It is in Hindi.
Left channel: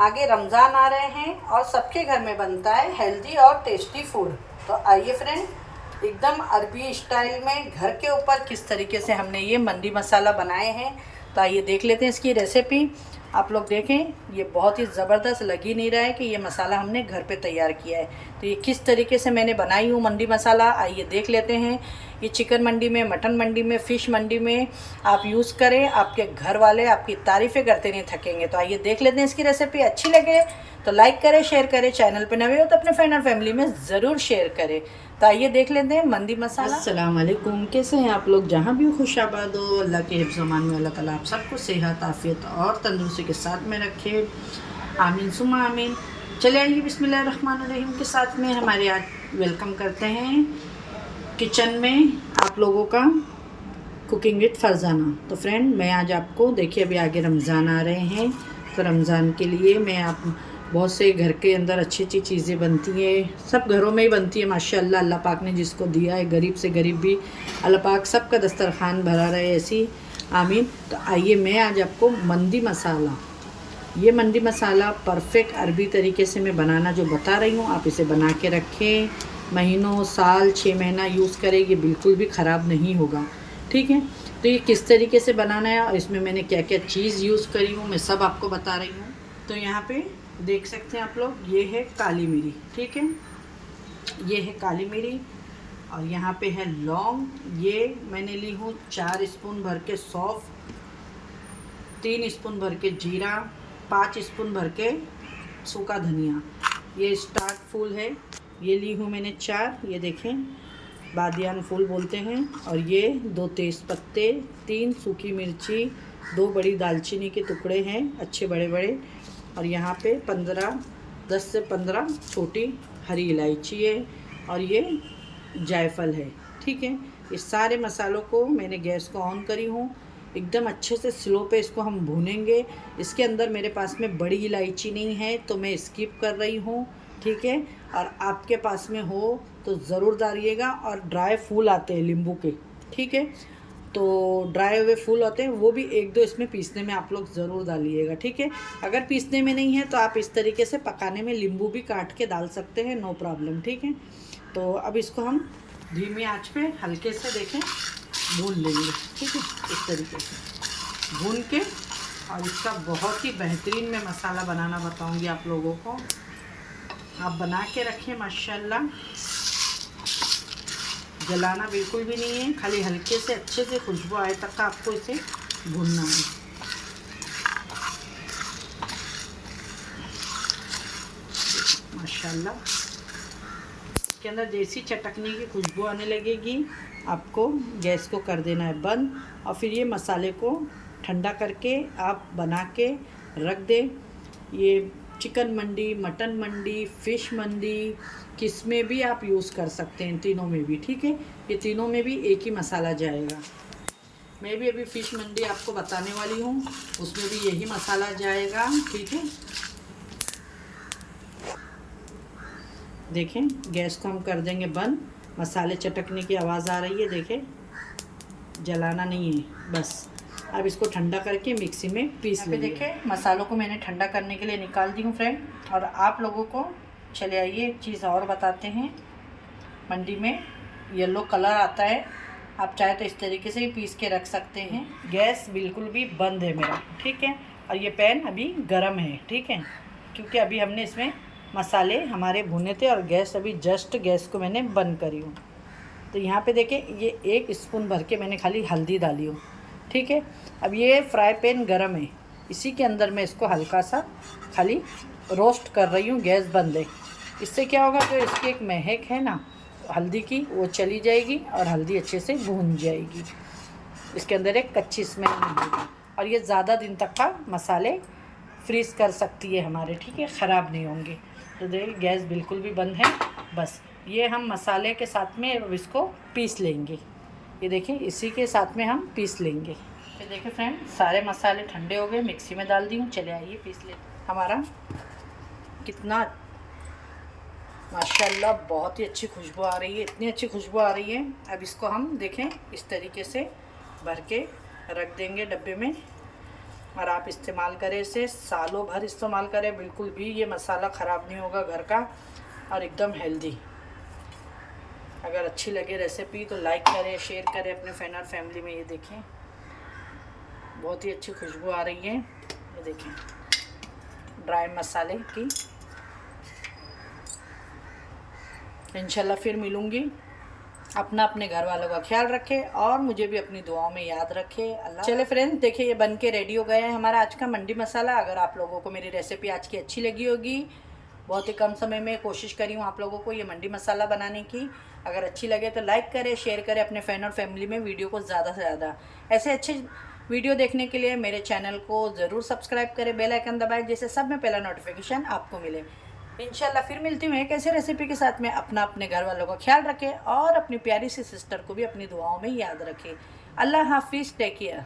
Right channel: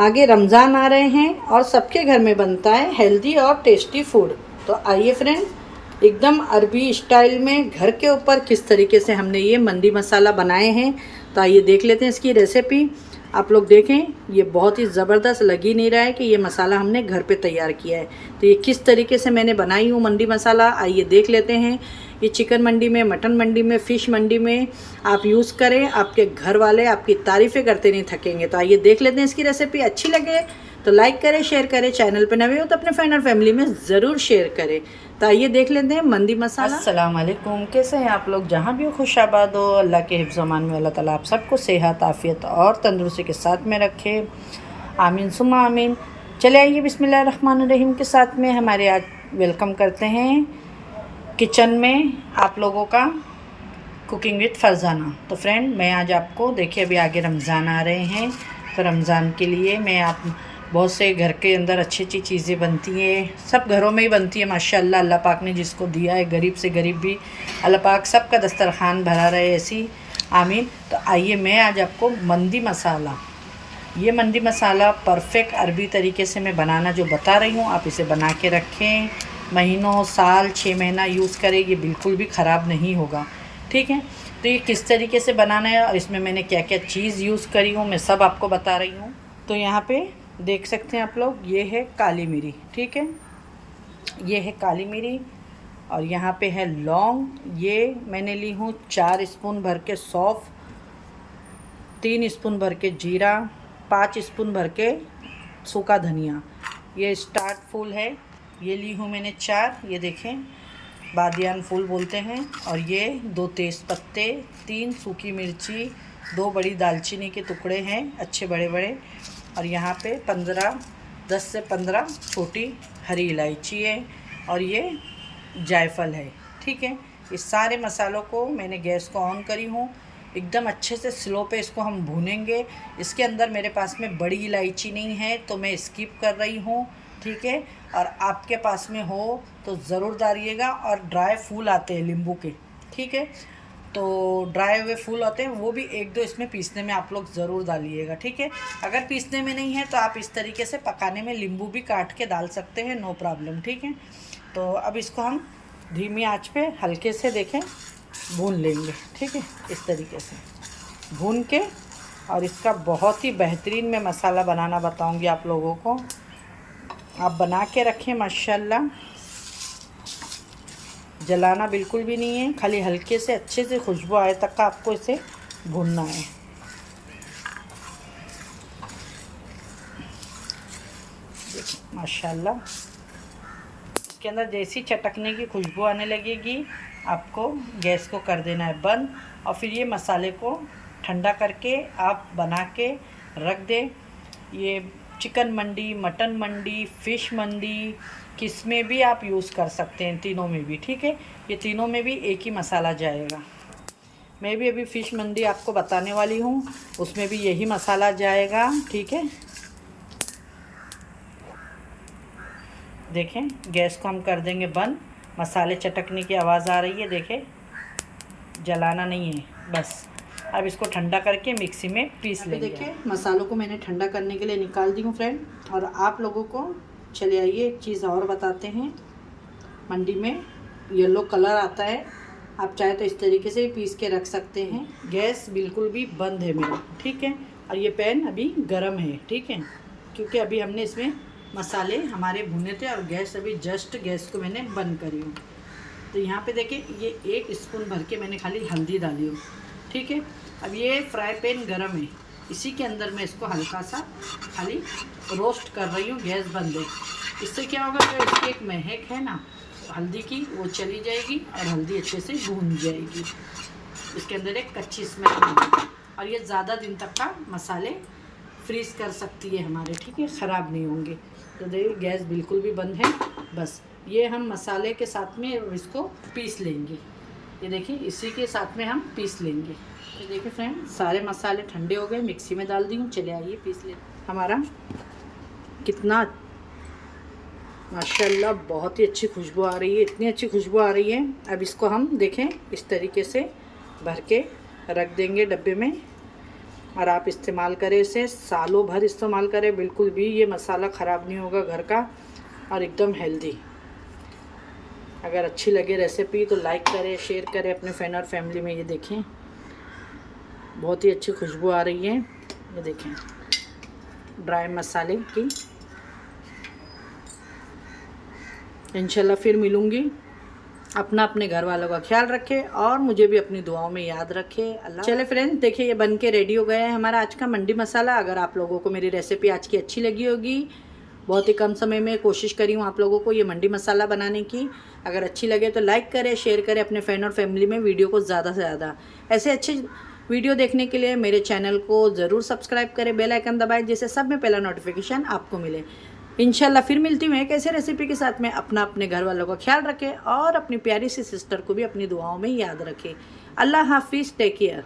आगे रमज़ान आ रहे हैं और सबके घर में बनता है हेल्दी और टेस्टी फूड। तो आइए फ्रेंड, एकदम अरबी स्टाइल में घर के ऊपर किस तरीके से हमने ये मंदी मसाला बनाए हैं। तो आइए देख लेते हैं इसकी रेसिपी। आप लोग देखें, ये बहुत ही ज़बरदस्त लग ही नहीं रहा है कि ये मसाला हमने घर पे तैयार किया है। तो ये किस तरीके से मैंने बनाई हूँ मंदी मसाला, आइए देख लेते हैं। ये चिकन मंडी में, मटन मंडी में, फ़िश मंडी में आप यूज़ करें, आपके घर वाले आपकी तारीफ़ें करते नहीं थकेंगे। तो आइए देख लेते हैं इसकी रेसिपी। अच्छी लगे तो लाइक करें, शेयर करें, चैनल पे नए हो तो अपने फ्रेंड और फैमिली में ज़रूर शेयर करें। तो आइए देख लेते हैं मंदी मसाला। अस्सलाम वालेकुम, कैसे हैं आप लोग? जहाँ भी हो खुश आबाद हो। अल्लाह के हिफ्ज़ अमान में अल्लाह ताला आप सबको सेहत, आफ़ियत और तंदुरुस्ती के साथ में रखे, आमीन सुम्मा आमीन। चले आइए बिस्मिल्लाह रहमान रहीम के साथ में हमारे आज वेलकम करते हैं किचन में आप लोगों का कुकिंग विद फरजाना। तो फ्रेंड, मैं आज आपको देखिए, अभी आगे रमज़ान आ रहे हैं, तो रमज़ान के लिए मैं आप बहुत से घर के अंदर अच्छी अच्छी चीज़ें बनती हैं, सब घरों में ही बनती है माशाअल्लाह। अल्लाह पाक ने जिसको दिया है, गरीब से गरीब भी अल्लाह पाक सबका दस्तरखान भरा रहे, ऐसी आमीन। तो आइए मैं आज आपको मंदी मसाला, ये मंदी मसाला परफेक्ट अरबी तरीके से मैं बनाना जो बता रही हूँ, आप इसे बना के रखें, महीनों, साल, 6 महीना यूज़ करें, ये बिल्कुल भी ख़राब नहीं होगा। ठीक है, तो ये किस तरीके से बनाना है और इसमें मैंने क्या क्या चीज़ यूज़ करी हूँ, मैं सब आपको बता रही हूँ। तो यहाँ पे देख सकते हैं आप लोग, ये है काली मिरी, ठीक है, ये है काली मिरी, और यहाँ पे है लौंग, ये मैंने ली हूँ 4 स्पून भर के सौंफ, 3 स्पून भर के जीरा, 5 स्पून भर के सूखा धनिया, ये स्टार्ट फूल है, ये ली हूँ मैंने 4, ये देखें बादियान फूल बोलते हैं, और ये 2 तेज़ पत्ते, 3 सूखी मिर्ची, 2 बड़ी दालचीनी के टुकड़े हैं अच्छे बड़े बड़े, और यहाँ पे 10 से 15 छोटी हरी इलायची है, और ये जायफल है। ठीक है, इस सारे मसालों को मैंने गैस को ऑन करी हूँ, एकदम अच्छे से स्लो पे इसको हम भूनेंगे। इसके अंदर मेरे पास में बड़ी इलायची नहीं है तो मैं स्किप कर रही हूँ, ठीक है, और आपके पास में हो तो ज़रूर डालिएगा। और ड्राई फूल आते हैं नींबू के, ठीक है, तो ड्राई हुए फूल होते हैं, वो भी 1-2 इसमें पीसने में आप लोग ज़रूर डालिएगा। ठीक है, अगर पीसने में नहीं है तो आप इस तरीके से पकाने में नींबू भी काट के डाल सकते हैं, नो प्रॉब्लम। ठीक है, तो अब इसको हम धीमी आंच पे हल्के से देखें भून लेंगे। ठीक है, इस तरीके से भून के, और इसका बहुत ही बेहतरीन मैं मसाला बनाना बताऊंगी आप लोगों को, आप बना के रखें माशाल्लाह। जलाना बिल्कुल भी नहीं है, खाली हल्के से अच्छे से खुशबू आए तक का आपको इसे भूनना है। माशाल्लाह, इसके अंदर जैसी चटकने की खुशबू आने लगेगी, आपको गैस को कर देना है बंद, और फिर ये मसाले को ठंडा करके आप बना के रख दें। ये चिकन मंडी, मटन मंडी, फ़िश मंडी, किस में भी आप यूज़ कर सकते हैं, तीनों में भी। ठीक है, ये तीनों में भी एक ही मसाला जाएगा। मैं भी अभी फ़िश मंडी आपको बताने वाली हूँ, उसमें भी यही मसाला जाएगा। ठीक है, देखें गैस को हम कर देंगे बंद, मसाले चटकने की आवाज़ आ रही है, देखें, जलाना नहीं है बस। अब इसको ठंडा करके मिक्सी में पीस लेंगे। देखें मसालों को मैंने ठंडा करने के लिए निकाल दी हूँ फ्रेंड, और आप लोगों को चले आइए एक चीज़ और बताते हैं। मंडी में येलो कलर आता है, आप चाहे तो इस तरीके से ही पीस के रख सकते हैं। गैस बिल्कुल भी बंद है मेरा, ठीक है, और ये पैन अभी गर्म है, ठीक है, क्योंकि अभी हमने इसमें मसाले हमारे भुने थे, और गैस अभी जस्ट गैस को मैंने बंद करी हूँ। तो यहाँ पे देखें, ये 1 स्पून भर के मैंने खाली हल्दी डाली हूँ। ठीक है, अब ये फ्राई पैन गरम है, इसी के अंदर मैं इसको हल्का सा खाली रोस्ट कर रही हूँ, गैस बंद है। इससे क्या होगा, जो इसकी एक महक है ना हल्दी की, वो चली जाएगी और हल्दी अच्छे से भून जाएगी, इसके अंदर एक कच्ची स्मेल मिलेगी, और ये ज़्यादा दिन तक का मसाले फ्रीज़ कर सकती है हमारे, ठीक है, ख़राब नहीं होंगे। तो देखिए गैस बिल्कुल भी बंद है, बस ये हम मसाले के साथ में अब इसको पीस लेंगे। ये देखिए इसी के साथ में हम पीस लेंगे। तो देखिए फ्रेंड, सारे मसाले ठंडे हो गए, मिक्सी में डाल दी हूँ, चले आइए पीस ले। हमारा कितना माशाल्लाह बहुत ही अच्छी खुशबू आ रही है, इतनी अच्छी खुशबू आ रही है। अब इसको हम देखें इस तरीके से भर के रख देंगे डब्बे में, और आप इस्तेमाल करें इसे, सालों भर इस्तेमाल करें, बिल्कुल भी ये मसाला ख़राब नहीं होगा घर का, और एकदम हेल्दी। अगर अच्छी लगे रेसिपी तो लाइक करें, शेयर करें अपने फ्रेंड और फैमिली में। ये देखें बहुत ही अच्छी खुशबू आ रही है। ये देखें ड्राई मसाले की। इंशाल्लाह फिर मिलूँगी। अपना अपने घर वालों का ख्याल रखें और मुझे भी अपनी दुआओं में याद रखें। अल्लाह। चले फ्रेंड्स, देखिए ये बन के रेडी हो गया है हमारा आज का मंडी मसाला। अगर आप लोगों को मेरी रेसिपी आज की अच्छी लगी होगी, बहुत ही कम समय में कोशिश करी हूँ आप लोगों को ये मंडी मसाला बनाने की। अगर अच्छी लगे तो लाइक करें, शेयर करें अपने फ्रेंड और फैमिली में वीडियो को ज़्यादा से ज़्यादा। ऐसे अच्छी वीडियो देखने के लिए मेरे चैनल को ज़रूर सब्सक्राइब करें, बेल आइकन दबाएं, जिससे सब में पहला नोटिफिकेशन आपको मिले। इंशाल्लाह फिर मिलती हूँ एक ऐसी रेसिपी के साथ में। अपना अपने घर वालों का ख्याल रखें और अपनी प्यारी सी सिस्टर को भी अपनी दुआओं में याद रखें। अल्लाह हाफिज़, टेक केयर।